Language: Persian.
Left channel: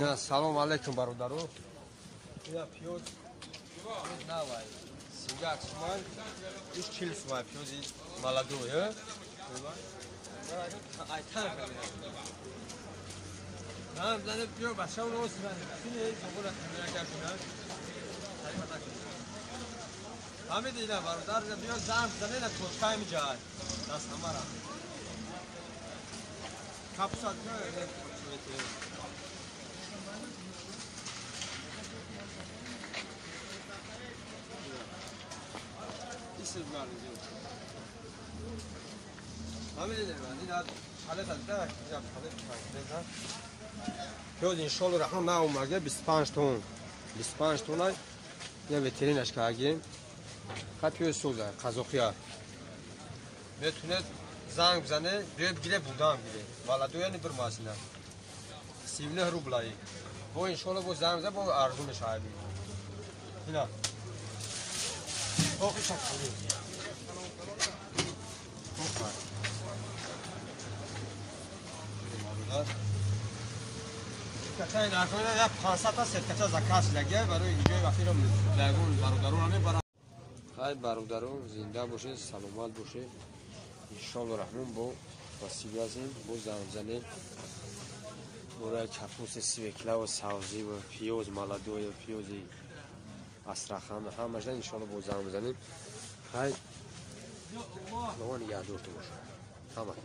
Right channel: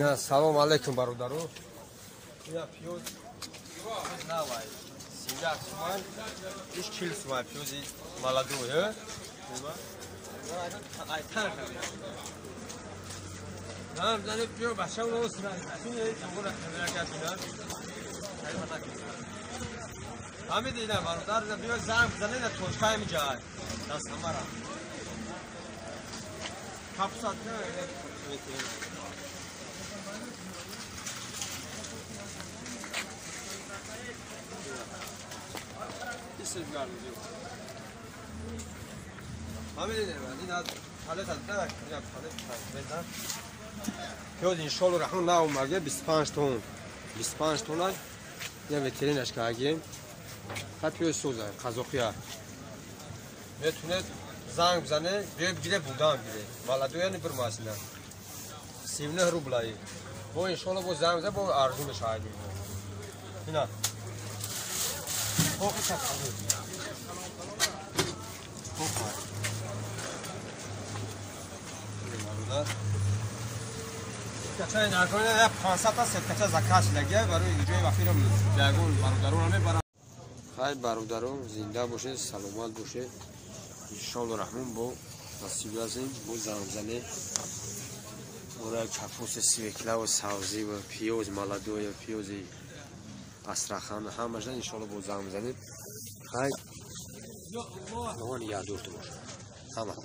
یا سلام علیکم برادران. یا پیوز نوای سیجا سوال ایش چیل سوال پیوزی مالادوه نه زنه پیو بچه اون رو سرانه همین دیگه برادر بیو زنگ بزنه نه توشکای میجای دست نمارا کپسات نه همین دیگه من حالا تا پیاز انشالله رحمان نه اومده 25 تن 25 تن یه وترینش کردیم خط پیاز سوزه قزاقیه میتونه زنگ بزنه بگیره بودم گیره والا دو یعنی بر ماشینه 17 روبلایی با انشالله با زنگ بزنه با ارزونش کردیم اینا فوق چه فوق کچای نکنه یا 500 تا سکته زکات نگه برای اینجای وقتیم جاگون برادران میبرن خیر برادران زنده باشید سلامت باشید ان شاء الله رحمان با واسیلازیم با زمزمه برای چپوس سیکلا و سبزی و پیاز مالادو یا پیاز استرخان همش ان شاء الله با زمزمه خیر اون یا دور تو باشه تمام